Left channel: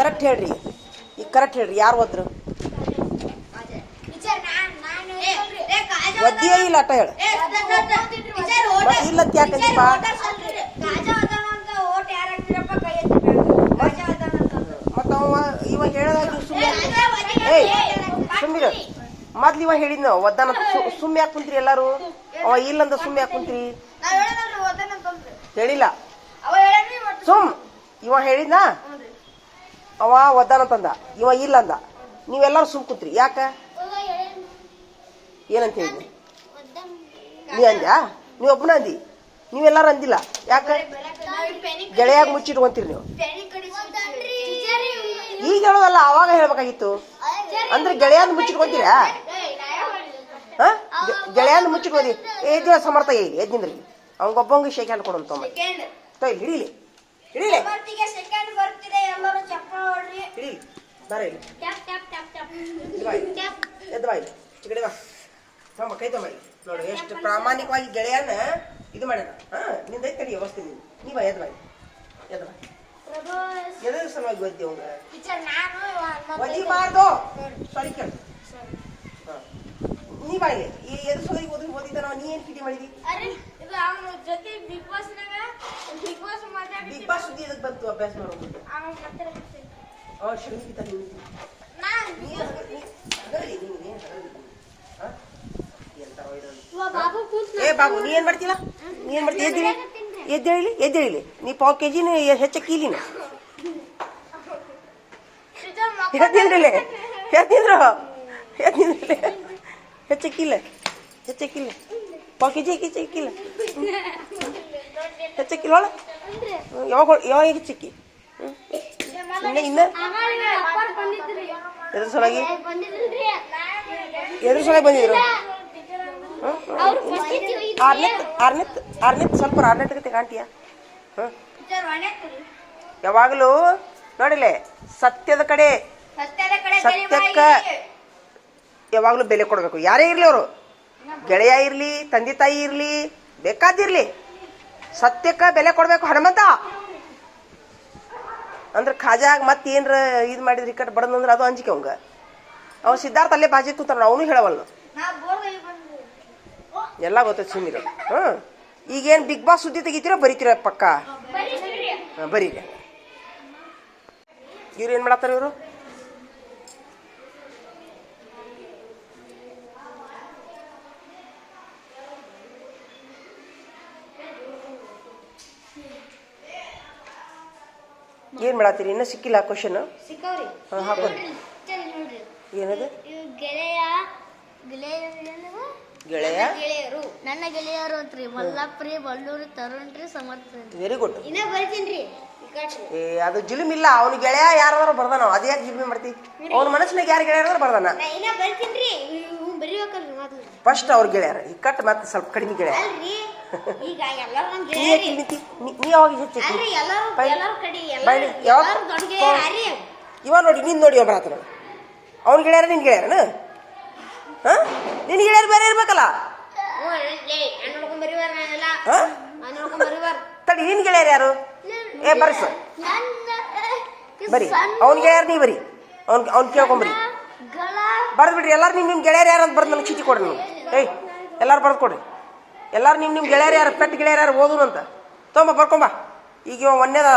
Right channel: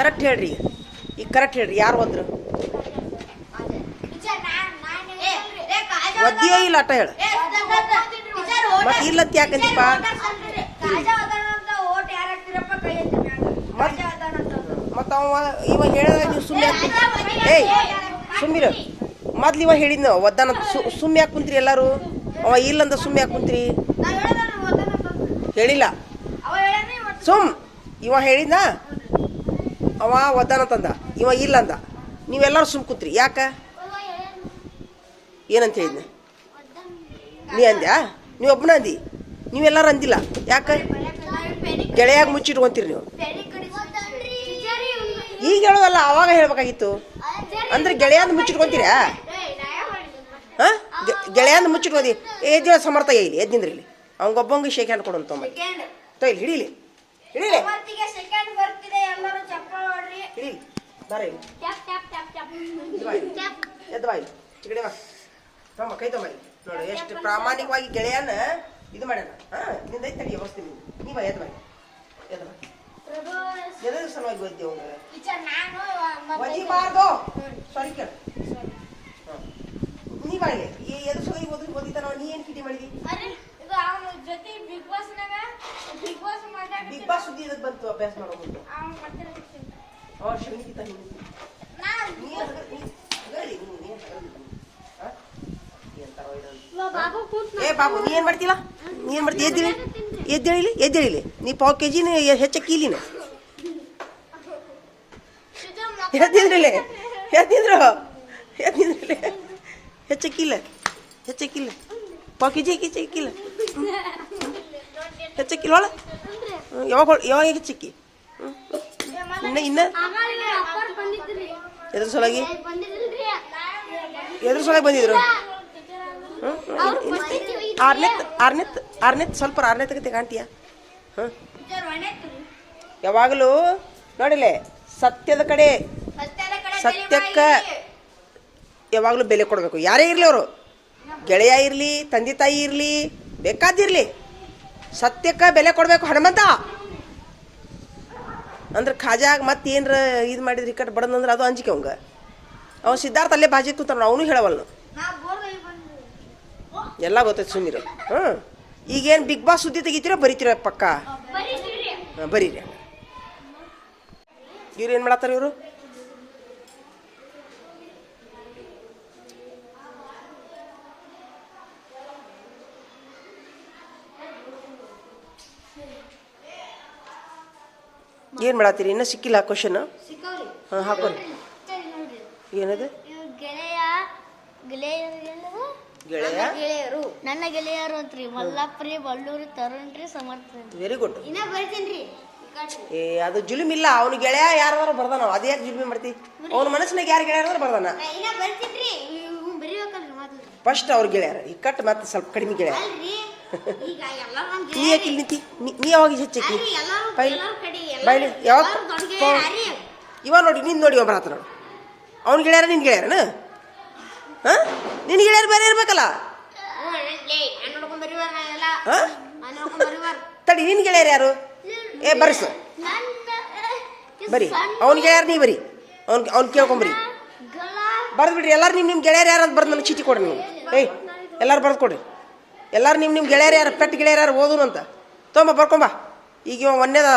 Correct ಹೇಳ್ರಿ. ಈಗ correct ಹೇಳ್ರಿ ಯಾರು ಹೋದ್ರು? ಒದ್ದಿಯೋ ಇಲ್ಲ ಅಟ ಹೇಳ. ಇಲ್ಲ. ಇಲ್ಲಂತ ಮತ್ತ ಮತ್ತು ಅವ ಇವ ಹೇಳದಾಗ ನೀವು ಸುಮ್ಮನೆ ಏಯ್ ಸುಮ್ಮಿರು ಮೊದ್ಲು ಇವ ಹೇಳಿದ್ನ ಒದ್ದಾನ ಸುಮ್ಮನೆ ಯಾಕೆ ಕುಂತ್ರಿ ಎಲ್ಲಾರು? ಅವ ಇಲ್ಲಂದ ಸುಮ್ಮನೆ ಯಾಕೆ ಕುಂತ್ರಿ? ಹೇಳಿಲ್ಲ. ಸುಮ್ ಇವ ಹೇಳಿದ್ನ? ಅವ ಒದ್ದಾನ ತಂದ. ಇವ ಇಲ್ಲ ಅಂದ. ನೀವೆಲ್ಲರೂ ಸುಮ್ ಕೂತ್ರಿ. ಯಾಕ? ಏನಂತ ಹೇಳಿದ್ನ? ನೀ ಅಂದ್ಯಾ? ನೀವು ಒಬ್ಬನ ಅಂದಿ? ನೀವೆಲ್ಲರೂ ಅಂದಿಲ್ಲ. ಯಾಕ? ಗೆಳೆಯಾಗ ಮುಚ್ಚಿಟ್ಕೊಂತೀರಿ ನೀವು. ಈಗ ಹೇಳೋದಲ್ಲ, ಅವಾಗ ಹೇಳ್ಬೇಕಾಗಿತ್ತು. ಅಂದ್ರೆ ಗೆಳೆಯಂದು ಮುಚ್ಚಿಟ್ಕೊಂತೀರಾ? ಹಾ? ಗೆಳೆಯಂದು ಮುಚ್ಚಿಟ್ಕೊಂಡಿ ಎದ್ದಿವ ಸಮರ್ಥ ಇಲ್ಲಿ ಎದ್ದಿಂದ್ರಿ ಇಲ್ಲಿ. ಅವ್ಗೊಬ್ಬಂಗೆ ಶೇಕ್ ಹ್ಯಾಂಡ್ ಕೊಡೋಣ ತೊಂಬ ಹಿಡಿಲಿ ಇಲ್ಲಿ. ಹಿಡೀಲಿ ಹಿಡೀಲಿ ಹಿಡಿ ಬಾರ ಇಲ್ಲಿ ಟ್ಯಾಪ್ ಟ್ಯಾಪ್ ಟ್ಯಾಪ್ ಟ್ಯಾಪ್ ಎದ್ದು ಬಾ ಇಲ್ಲಿ. ಚಿಗಡಿ ಬಾ. ತೊಂಬ ಕೈ ಇಲ್ಲಿ. ನೋಡು ಎಷ್ಟು ಪ್ರಾಮಾಣಿಕವಾಗಿ ಗೆಳೆಯನ ಇದು ಮಾಡ್ಯಾನ. ಹಾ ನಿಂದ ಐತೆ ಕಡಿ ವ್ಯವಸ್ಥೆ ನೀನು ನೀ ಬಾ ಎದ್ದು ಬಾ. ಎದ್ದು ಬಾ. ಎದ್ರ ಸಲುವಾಗಿ ಒದ್ದಿ ಅವಂಗ ಒದಿಬಾರ್ದು ಸಾರಿ ಕೇಳು. ಹಾ. ನೀ ಬಾ ಇಲ್ಲಿ. ಈ ಎದ್ರ ಸಲುವಾಗಿ ಓದಿ ಓದಿದ್ದಾನ ನೀ ಏನ್ ಕಿಟಿ ಮಾಡಿದಿ? ಜೊತೆ ಬಿಗ್ ಬಾಸ್ ನಾಗ ಬಿಗ್ ಬಾಸ್ ಬಿಗ್ ಬಾಸ್ ಸುದ್ದಿ ಇದಕ್ಕೆ ಬಂತು ಅಭ್ಯಾಸ ಮಾಡೋದು ಅವ ಶ್ರೀನಿಕಿತ ನೀನು. ನೀ ಹಗರ್- ನೀ ಹಗರ್ಲಿ, ನೀನು ನೀನು ಹಗರ್ಲಿ. ಹಾ? ಎಂತರೋ ಇದೊಂದು. ಬಾಬು ಕೂತ್ ಏ ಬಾಬು ನೀ ಏನ್ ಮಾಡ್ತಿಲ್ಲ ನೀ ಏನ್ ಮಾಡ್ತಿ? ಎದ್ದೇಳಿ. ಎದ್ದೇಳಿಲಿ? ಎದ್ದೇಳಿಲಿ? ನೀ ಪಾವ್ ಕೆ ಜಿನ ಹೆಚ್ಚಕ್ಕೀಲಿನ ಎದ್ದಿದ್ರಲ್ಲಿ ಎದ್ದಿದ್ರು ಎದ್ದಿದ್ರಲ್ಲಿ ಹೆಚ್ಚಕ್ಕಿಲ್ಲ ಹೆಚ್ಚಕ್ಕಿಲ್ಲ ಪಾವ್ ಕೆ ಜಿ ಹೆಚ್ಚಕ್ಕಿಲ್ಲ ಒಳ ಯಾವಾಗ ಯಾವಾಗ ಹೆಚ್ಚಿಕ್ಕಿ. ಇನ್ನ ಇನ್ನ? ಎದ್ರ ಸೊಲಾಗಿ ಎದ್ರ ಸಲುವಾಗಿ ಬಂದಿದ್ರು? ಆರ್ನೆತ್ ಆರ್ನೆತ್ ಆರ್ನೆತ್, ಸ್ವಲ್ಪ ಆರ್ನೇ ತಗತೆ ಕಾಣ್ತೀಯ? ಯಾವಾಗಲೂ ನೋಡಿಲೆ, ಸತ್ಯದ ಕಡೆ, ಸತ್ಯಕ್ಕ ಯಾವಾಗಲೂ ಬೆಲೆ ಕೊಡಬೇಕು. ಯಾರೇ ಇರಲಿ ಅವರು. ಗೆಳೆಯ ಇರಲಿ ತಂದೆ ತಾಯಿ ಇರಲಿ ಬೇಕಾದಿರಲಿ ಸತ್ಯಕ್ಕೆ ಬೆಲೆ ಕೊಡಬೇಕು ಹನುಮಂತ. ಅಂದ್ರೆ ಖಾಜಾಗ ಮತ್ತೆ ಏನರ ಇದು ಮಾಡಿದ್ರೆ ಇಕ್ಕಟ್ಟು ಬಡದಂದ್ರೆ ಅದು ಅಂಜಿಕೆ ಅವಂಗ. ಅವ ಸಿದ್ಧಾರ್ಥ ಅಲ್ಲೇ ಬಾಜಿ ಕೂತಾನ ಅವನು ಹೇಳವಲ್ನು. ಎಲ್ಲ ಗೊತ್ತೈತೆ ಸುಮ್ಮನೆ ಹ್ಞೂ ಈಗೇನು ಬಿಗ್ ಬಾಸ್ ಸುದ್ದಿ ತೆಗಿತೀರ ಬರೀತೀರ ಪಕ್ಕ? ಹಾಂ ಬರೀರಿ. ಇವ್ರು ಏನು ಮಾಡತ್ತಾರ ಇವರು? ಏನು ಮಾಡತ್ತೀರಿ ಇನ್ನೂ ಸಿಕ್ಕಿಲ್ಲ ಕ್ವಶನ್ ಹಾಂ ಏನದು? ಗೆಳೆಯ ಗೆಳೆಯರು ನನ್ನ ಗೆಳೆಯರು. ಅಂತ್ರಿ. ಮಲ್ಲಾಪ್ರಿ ರೀ ತರುಣ್ರಿ ಸಮರ್ಥ ವೆರಿ ಗುಡ್ ಇನ್ನ ಬರ್ತೀನ್ರಿ. ಏ ಅದು ಜುಲುಮ್ ಇಲ್ಲ ಅವ್ನ ಗೆಳೆಯ ಯಾರು ಬರ್ದಾನ? ಅದೇ ಯಾಕೆ ಜುಲುಮಿ ಮಾಡ್ತಿ? ಅವ್ನ ಮನಸ್ಸಿನಾಗ ಯಾರು ಗೆಳೆಯರ ಬರ್ದಾನ? ಫಸ್ಟ್ ಅವ್ರ ಗೆಳೆಯರ. ಇಕ್ಕಟ್ಟು ಮತ್ತೆ ಸ್ವಲ್ಪ ಕಡಿಮೆ ಗೆಳೆಯ. ಈಗ ಎಲ್ಲರೂ ಒಂದ್ ನೀ ಯಾಕೆ ನಿಂತಿ? ನೀ ನೀ ಯಾವಾಗ ಹೆಚ್ಚೈತಿ ಅಲ್ರಿ ಎಲ್ಲರೂ ಬೈ- ಎಲ್ಲರೂ ಕಡೆ ಬೈಲಿ, ಎಲ್ಲರೂ ಯಾವತ್ತು? ಎಲ್ಲರೂ ದೊಡ್ಡ ಗೆಳೆಯರಿ ಇವ ನೋಡಿ ನಿನ್ ನೋಡಿ ಒಬ್ಬರ ಹತ್ರ. ಅವ್ನ ಗೆಳೆಯರ ನಿನ್ ಗೆಳೆಯರನ? ಹಾ? ನಿನ್ ಗೆಳೆಯರು ಬೇರೆ ಇರ್ಬೇಕಲ್ಲ? ಹ್ಞೂ ಲೇ ನಾನು ನೋಡ್ಕೊಂಡ್ ಬರೀವಾರ ಎಲ್ಲ. ಹಾ? ನಾನು ನೋಡ್ಕೊಂಡ್ ಬರೀವಾರ ತಡಿ ನಿನ್ ಗೆಳೆಯರು ಯಾರು? ಏ ಬರ್ಸು. ಬರಿ. ಅವ್ನ ಗೆಳೆಯರು ನೀ ಬರಿ. ಅವ್ನ್ ಅವ್ನ್ ಕೇಳ್ಕೊಂಬರಿ ಗಳ ಬರ್ದು ಬಿಡ್ರಿ ಎಲ್ಲಾರು ನಿಮ್ ನಿಮ್ ಗೆಳೆಯರು ಯಾರು ಅಂತ ಬರ್ದು ನನಗೆ ಚೀಟಿ ಕೊಡ್ರಿ ನೀವು ಏಯ್ ಎಲ್ಲಾರು ಬರ್ದು ಕೊಡ್ರಿ. ಎಲ್ಲಾರು ನಿಮ್ಮ ನಿಮ್ಮ ಗೆಳೆಯರು ಯಾರು? ಪೆಟ್ ಗೆಳೆಯರು ಯಾರು? ಓದು ಅಂತ. ತೊಂಬ, ಬರ್ಕೊಂಬ. ಈಗ ಇವ ಒಂದೇದ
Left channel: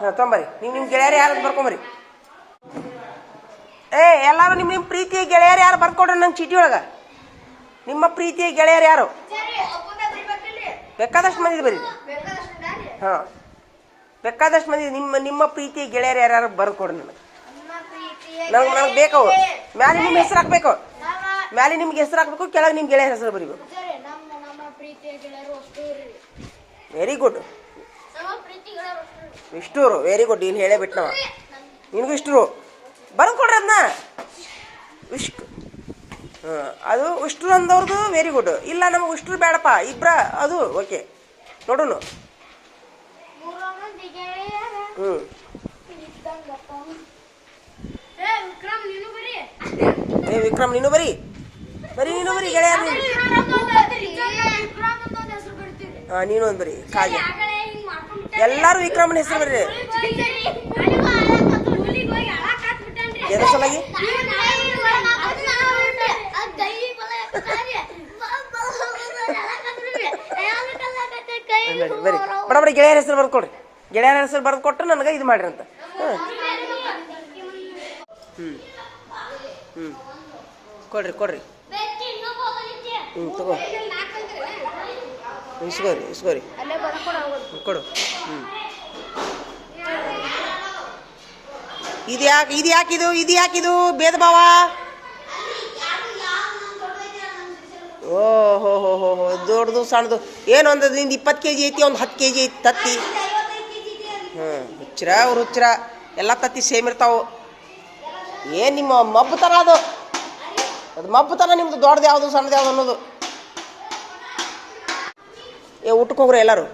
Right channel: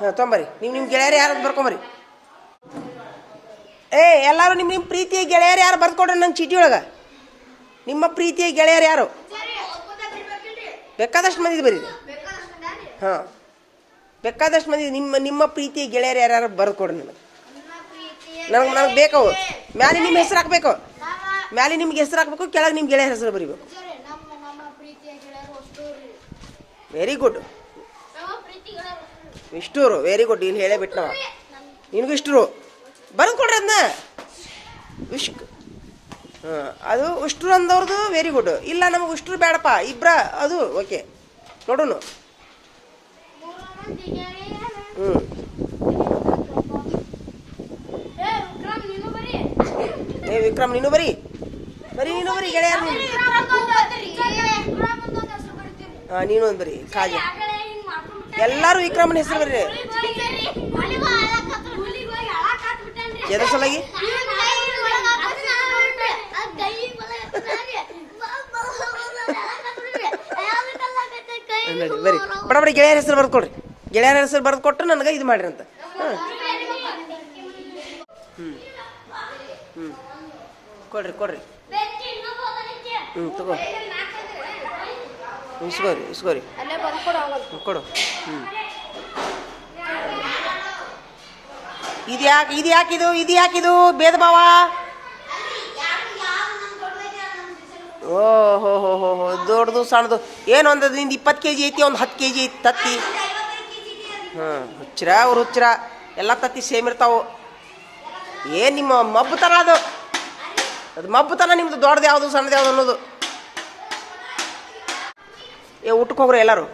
ಹಾಂ, ತೊಂಬರಿ. ನಿಮ್ಮ ನಿಮ್ಮ ಗೆಳೆಯರು ಯಾರು ಬರ್ಕೊಂಬರಿ. ಏ, ಎಲ್ಲರೂ ನಿಮ್ಮ ನಿಮ್ಮ ಪ್ರೀತಿಯ ಗೆಳೆಯರು ಯಾರು ಬರ್ಕೊಡ್ರಿ ನನ್ನ ಚೀಟಿ ಒಳಗೆ? ನಿಮ್ಮ ಪ್ರೀತಿಯ ಗೆಳೆಯರು ಯಾರು? ಬೇಕಾದಷ್ಟು ಮಂದಿ ಬರೀ ಹಾಂ. ಬೇಕಾದಷ್ಟು ಮಂದಿ ನಿಮ್ಮ ನಿಮ್ಮ ಪ್ರೀತಿಯ ಗೆಳೆಯರು ಯಾರು ಬರ್ಕೊಡ್ರಿ ನನಗೆ? ನನಗೆ ನನಗೆ ಬೇಕವು ಮ್ಯಾಲೆ ನಿಮ್ಮ ಹೆಸರು ಹಾಕ್ಬೇಕು. ಮ್ಯಾಲೆ ನಿಮ್ಗೆ ಹೆಸರು ಹಾಕ್ಬೇಕು, ಕೆಳಗೆ ನಿಮ್ಮ ಗೆಳೆಯರ ಹೆಸರು ಬರೀಬೇಕು ನಮ್ಮ ನಮ್ಮ ಪ್ರೀತಿಯ ಗೆಳೆಯರು ಅಷ್ಟು ರೀ ವೆರಿ ಗುಡ್ ಇಷ್ಟೂರು ವೆರಿ ಗುಡ್ ನೀನು ಹೇಳೇ ಬಿಟ್ನವ ನಿನಗೂ ಇಷ್ಟರು. ಬರೆದು ಕೊಡ್ರಿ ಅದನ್ನ ಇಷ್ಟು. ಹಾಂ ಅದು ಉಷ್ಟ್ರು ಅಂದವ್ರದ್ದು ವೆರಿ ಗುಡ್ ಇಲ್ಲ ನಮಗೆ ಉಷ್ಟ್ರು ಬೇಡಪ್ಪ. ಇಬ್ಬರ ಅದು ಓಕೆ ನೋಡೋಣ ಹ್ಞೂ ಏ ವಿಕ್ರಮ್ ನೀನು ಬರೀ. ಬರೀ. ನೀನು ಬರೀ ಗೆಳೆಯರು ನೀನು ಒಂದ್ ಬರೀ ಸರಿ, ಎಲ್ಲರೂ ವಿಕ್ರಮನ ಹೆಸರು ಬರ್ರಿ. ಎದ್ರ ಸಲಾಗಿ? ನೋಡಿ ಬರ್ರಿ ಬಡ ಬಡ ಗೆಳೆಯರ ಹೆಸರು ಬರ್ದು ಕೊಡ್ರಿ. ಗೆಳೆಯರ ಹೆಸರು ಬರೆದು ಕೊಟ್ಟು ನನಗೆ ಇದು ಮಾಡ್ರಿ ಅಂತ. ಹ್ಞೂ ಹ್ಞೂ ಕೊಡ್ರಿ ಕೊಡ್ರಿ. ಹ್ಞೂ ತಗೋ. ಇಸ್ಕೋರಿ ಇಸ್ಕೋರಿ. ಕೊಡು. ಹ್ಞೂ ಇದು ಯಾಕೆ, ಇದು ಯಾಕಿದು ಇದು ಯಾಕಿದು? ಭೇದ ಭಾವ? ಓ ಹೋ ಹೋ ಹೋ ಹೋ ದೊಡ್ಡದು, ಸಣ್ಣದು. ಏನು ಒಂದು ನಿಂದು ಇಪ್ಪತ್ತು ಕೆ ಜಿ ಐತಿ, ಒಂದು ಹತ್ತು ಕೆ ಜಿ ಐತಿ, ತತ್ತಿ. ಹಾಂ ಹುಚ್ಚರ, ಅವ್ರು ಹುಚ್ಚರ. ಎಲ್ಲ ತತ್ತಿ ಸೇಮ್ ಇರ್ತಾವು. ಏನು ನಿಮ್ಮ ಮಬ್ಬು ಥರ ಅದು? ಅದು ಮಬ್ಬುತನ ನಿಮ್ದು ದೊಡ್ಡದು ಯಾವುದು, ಸಣ್ಣದು ಯಾವುದು ಅನ್ನೋದು? ಏ ಊಟಕ್ಕೆ ಹೋಗ್ರಿ ಎಲ್ಲರೂ.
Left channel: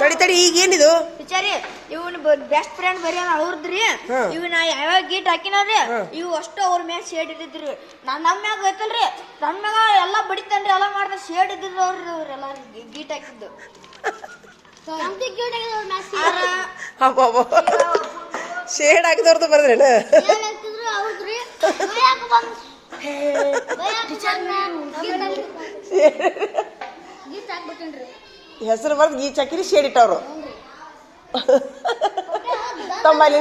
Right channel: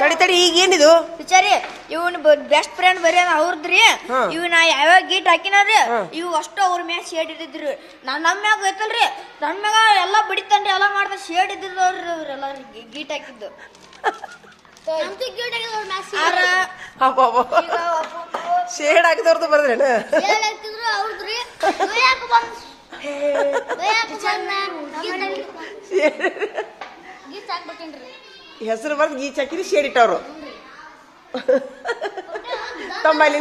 ತಡಿ ತಡಿ ಈಗ ಏನಿದು? ವಿಚಾರಿ ಇವನ್ ಬೆಸ್ಟ್ ಫ್ರೆಂಡ್ ಬರೀ ಅವ್ರದ್ರಿ. ಇವ್ ನಾ ಯಾವ್ಯಾವ ಗೀಟ್ ಹಾಕಿನಾರಿ. ಇವ್ ಅಷ್ಟು ಅವ್ರ ಮ್ಯಾಗ ಶೇಡ್ ಇದ್ದಿದ್ರು ನಾನ್ ನಮ್ಮ ಮ್ಯಾಗ ಗೊತ್ತಲ್ರಿ ನನ್ ಮ್ಯಾಗ ಎಲ್ಲಾ ಬಡಿತಾನ್ರಿ ಎಲ್ಲ ಮಾಡ್ದ ಶೇಡ್ ಇದ್ದಿದ್ದವ್ರಿ ಅವ್ರೆಲ್ಲ ಗೀಟ್ ಹಾಕಿದ್ದು. ಶೇಡ್ ಹಾಕಿದವ್ರದ್ದು ಬರ್ದ್ರೇನು ಹೆಸರು ಬರ್ದು ಈ ಚಕ್ರಿ ಶೇಡ್ ಇಟ್ಟವ್ರು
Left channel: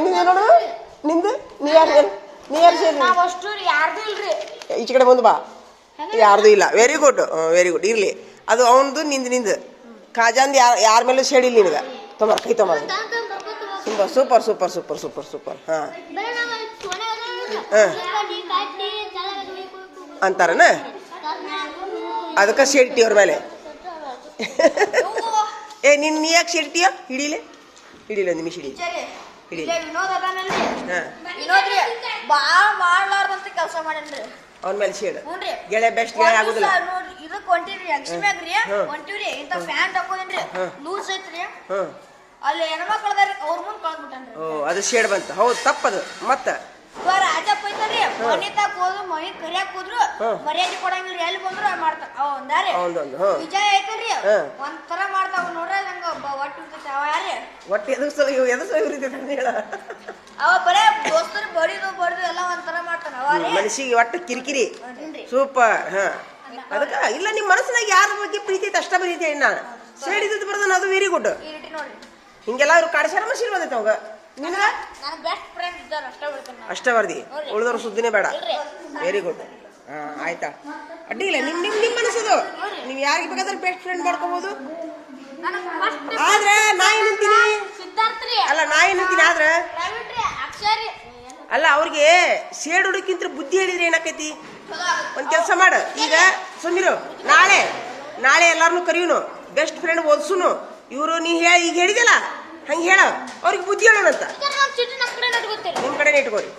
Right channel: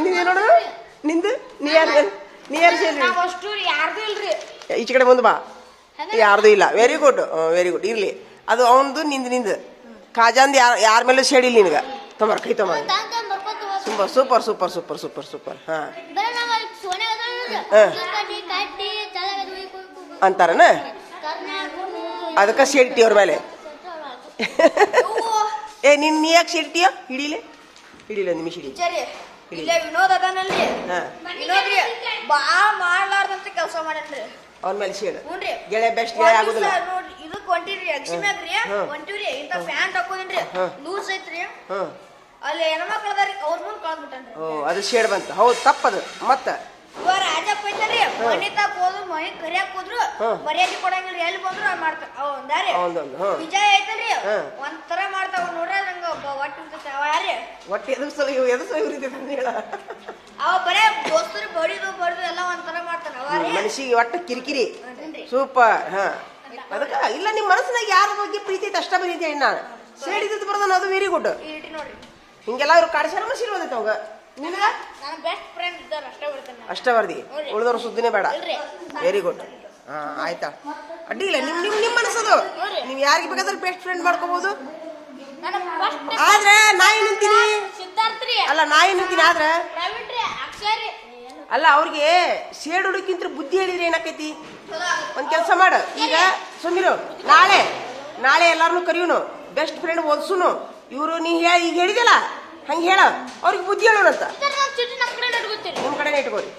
ನಿಂದ ನೋಡು. ನಿಂದು? ನಿಯರ್ ಯಾರು ನೀ ಯಾರು ಈಚೆ ಕಡೆ ಮುಂದೆ ಬಾ. ಯಾರ್ದು ಇಲ್ಲ. ವೆರಿ ಗುಡ್ ವೆರಿ ಗುಡ್ ಇರ್ಲಿ. ಅದು ಅವನದು ನಿಂದು ನಿಂದು. ಖಾಜಾಂದು ಯಾರ ಯಾರ ಮೇಲೂ ಶೇಡ್ ಇಲ್ಲ ನಿನಗೆ. ತೊಂಬರ್ ಕೈ ತೊಂಬರ್ super super super super super super. ಹಾಂ. ಅಂತಾರನ? ಅದಕ್ಕೆ ಇಟ್ಟಿ ಅವ್ರ ಮೇಲೆ. ಏ ನಿನ್ನ ನೀ ಯಾಕೆ ಇಟ್ಟಿಯ ಹಿಡೀಲೆ? ಹಿಡೀಲೆ ಒಂದು ನಿಮಿಷ ಹಿಡಿ ಹಿಡಿ ಅವನ ಮೇಲೆ ಹ್ಞೂನ್ರಿ ಗೆಳೆ ಬೆಸ್ಟ್ ಗೆಳೆ ಆಗುದಿಲ್ಲ. ಹೊಂಟಿರಿ. ಹೊಂಟಿವ್ರಿ. ಪ್ಯಾಂಟ್ ಹಾಕೋದಿನ್ರಿ. ಲೂಸ್ ಐತ್ರಿ. ಹಾಂ. ಅಲ್ಲಿ ಹೆಣ್ಮಕ್ಳು ಅದಾರಿ ಅವ್ರ ಮುಂದ್ ಕಳ್ದ್ಬಿಟ್ಟನ್ರಿ ಓ ಅದು ಶೇಡ್ ಬಂತು. ಹೌದು ತಪ್ಪದು. ಮತ್ತೆ? ರಾಜಪ್ಪ ಐತಲ್ರಿ ರೀ ತಾಕ್ ಹೋದ್ರು ಮನಿ ಕರಿಯಾಕ್ ಹೋದ್ರು. ಮರ್ಯಾದೆ ಕೊಡಂಗಿಲ್ಲ ಎಲ್ಲಿ ಬಂದ್ರು ಅವ್ ಮಾಡ್ತಾರ ಅವ ಒಂದಾರಿ ಅವನದೊಂದು ಹಾಂ. ವಿಜಯ್ ಐತಲ್ರಿ. ಒಂಥರ ಮಾಡ್ತಾವ ನೋಡ್ರಿ ನಂಗ ಒಟ್ಟು ಇರ್ತೈತಿ ಅವ ಯಾರಿ ಒಟ್ಟು ಎದು ಸಲ ಇವು ಎದು ಸಲ ಉರಿತೈತೆ ಅಂತ ಹೇಳ. ಅವ ಬರೇ ದೋಸ್ತರು ಬಡಿದು ಬಡಿದು ಎಲ್ಲ ಒಂಥರ ಮಾಡ್ತಾನ ಅವ ರೀ ಮನಸ್ಸಿಗೆ ಒಟ್ಟು ಕಿರಿಕಿರಿ. ಸೂಪರ್ ಹಾ. ಅದಕ್ಕೆ ಇಲ್ಲ ನಿಮ್ಮ ಮನಸ್ಸಿನಾಗ ಯಾರ ಬಗ್ಗೆ ಪ್ರೀತಿ ಐತೆ ಅಷ್ಟ ಬರೀತಿ ಹೇಳಿ ನಾನು. ಸೇಡಿದ್ದು ಬರ್ದಾನ ಅದು ವೆರಿ ಗುಡ್ ಹಿಂಗೆಲ್ಲ ಇವ್ರು ಕಾಡಿಸ್ಯಾರ ಮನಸ್ಸಿನ ಬಂದೈತೆ ಅವಾಗ. ನಿನಗ ನನ್ನ ಬೆಸ್ಟ್ ಫ್ರೆಂಡ್ ಇದ್ದಾರ ಅಷ್ಟೇ ಬಿಡ್ತೇನೆ ನಾನು. ಅಷ್ಟ ಬರ್ದಿ ಉಳಿದವ್ರ ಸುದ್ದಿನೇ ಬೇಡ. ವೆರಿ ಗುಡ್ ಹಾ ಆಯ್ತಾ? ಅಡ್ಡಿ ಇಲ್ಲ ನಿಮ್ ನಿಮ್ ನಿಮ್ಮ ಮನಸ್ಸದು. ನೀವು ಯಾರಿಗೆ ಬೇಕಾದ್ರೆ ಬೆಸ್ಟ್ ಫ್ರೆಂಡ್ ಮಾಡ್ಕೋಬಹುದು ಆದ್ರೆ ನಾಯಿ ನಿಂತೀನಿ ಸಿದ್ಧಾರ್ಥ ರೀ ಅಲ್ಲ ನಾಯಿ ನಿಂತೀನಿ ಆದ್ರೆ? ಪ್ರವೀಣ್ ರೀ ಅಕ್ಷಯ್ ರೀ ಅಲ್ಲ ಅವ್ರಿಗೆ ಸೇಡ್ ಹುಡುಕಿಂತ ಬುದ್ಧಿ ಹೇಳಿದ್ರೆ ಏನಾಕೈತಿ? ಒಂದ್ ಕೆಲಸ ಮಾಡ. ಈಗ ಸುಮಿರು ನಾಳೆ ನಾಳೆ ಎಲ್ಲಾರನು ಕರಿಯುನು. Best friend ಓದ್ಸುನು. ಇವರು ನೀ ಹೇಳಿ ಈಗ ಹೇಳಿದಲ್ಲ ಹಂಗೆ ಹೇಳ. ಅವ್ರಿಗೆ ಬುದ್ಧಿ ಹೇಳೋಣಂತ. ನಿಮ್ಮ ಕಡೆನೇ ಇಟ್ಕೋರಿ.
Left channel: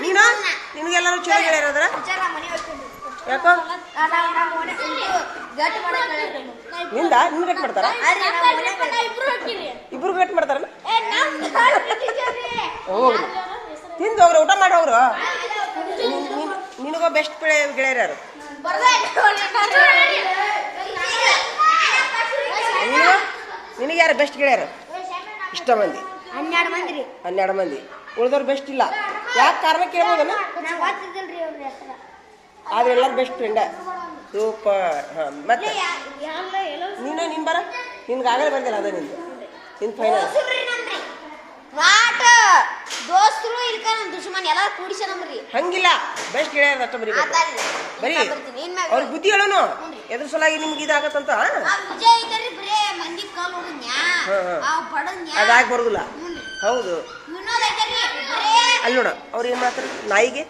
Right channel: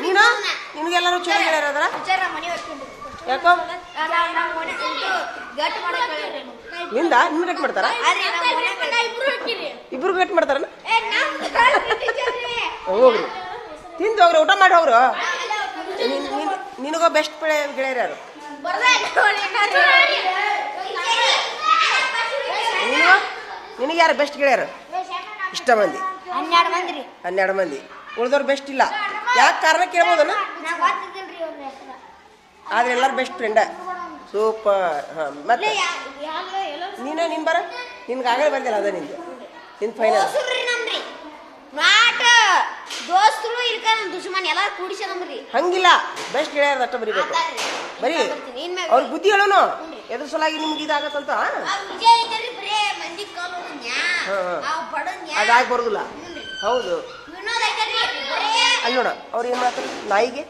ನೀನು? ನಿನಗೆಲ್ಲರೂ ಚಲೋ ಹೇಳ್ಯಾರ ಯಾಕೋ? ನಿಂದ? ನಿನ್ ಗಟ್ ಮಾಡ್ತಾರ? ಇಬ್ರು ಗಟ್ ಮಾಡ್ತಾರ ಹೋಗ್ರಿ. ತಿಂದು ಅವ್ರು ಊಟ ಮಾಡಿ ಅವರು ನಿನ್- ನಿನ್- ನಿನಗೋ ಬೆಸ್ಟ್ ಗೆಳೆಯರು ಯಾರು ನಿನಗ ಯಾರು ಬೆಸ್ಟ್ ಗೆಳೆಯರು? ಇಷ್ಟ ಮಂದಿ. ಹನ್ನೆರಡು ಮಂದಿ. ಉಳಿದವ್ರು ಬೆಸ್ಟ್ ಇಲ್ಲ. ಯಾಕೆ ಕಾರಣ ಕೇಳ್ಬೋದನ? ಆದ್ರೆ ಎಲ್ಲರೂ ಬೆಸ್ಟ್ ಫ್ರೆಂಡ ಸೂಪರ್ ಹಾಂ ಮತ್ತೆ? ನೀನೇ ನಿನ್ ಬರ. ನಿನ್ಗೆ ಆಗಲೇ ಬಂದಿಲ್ಲ ಅದ ನಿಂದು. ನಿನ್ ಫೈನಲ್ ದೋಸ್ತರು ಇಲ್ಕ ಹಂಗಿಲ್ಲ. ಬೆಸ್ಟ್ ಗೆಳೆಯರು ಅಷ್ಟ ಬರೀಬೇಕು. ಬರಿ ಬರೀ ಅವ್ರ ಬುದ್ಧಿ ಹೇಳೋನು. ಎದ್ರ ಸಲಾಗಿ ನಿಮ್ಗೆ ಇದಾಗತ್ತಂತ? ಅದಾಗಿ ಬರೋದಿಲ್ಲ. ಹೌದು. ಅಲ್ಲಿ ನೋಡ ಅವ್ರು ಏನು ಮಾಡ್ತಾರೆ? ನಾಯಿಗೆ?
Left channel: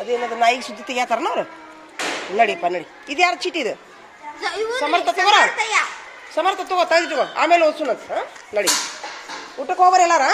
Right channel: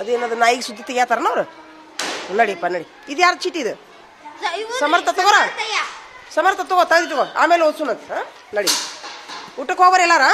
ಅದೇನದು ನಾಯಿಗೆ ಸುದ್ದಿ ತೆಗಿಯಾತಾರನ ಅವ್ರು? ನಡಿಪ್ಪ ನಡಿ. ಇದು ಯಾರು ಚೀಟಿ ಇದು? ಸಮರ್ಥ ತಗೋರ? ಸಮರ್ಥ ತಗೋ ತೆಗೆದು ತಗೋ. ಆಮೇಲೆ ಓದ್ಸೋಣ ನಡಿ. ಊಟಕ್ಕೆ ಹೋಗ್ಬಾರ ಎಲ್ಲಾರ?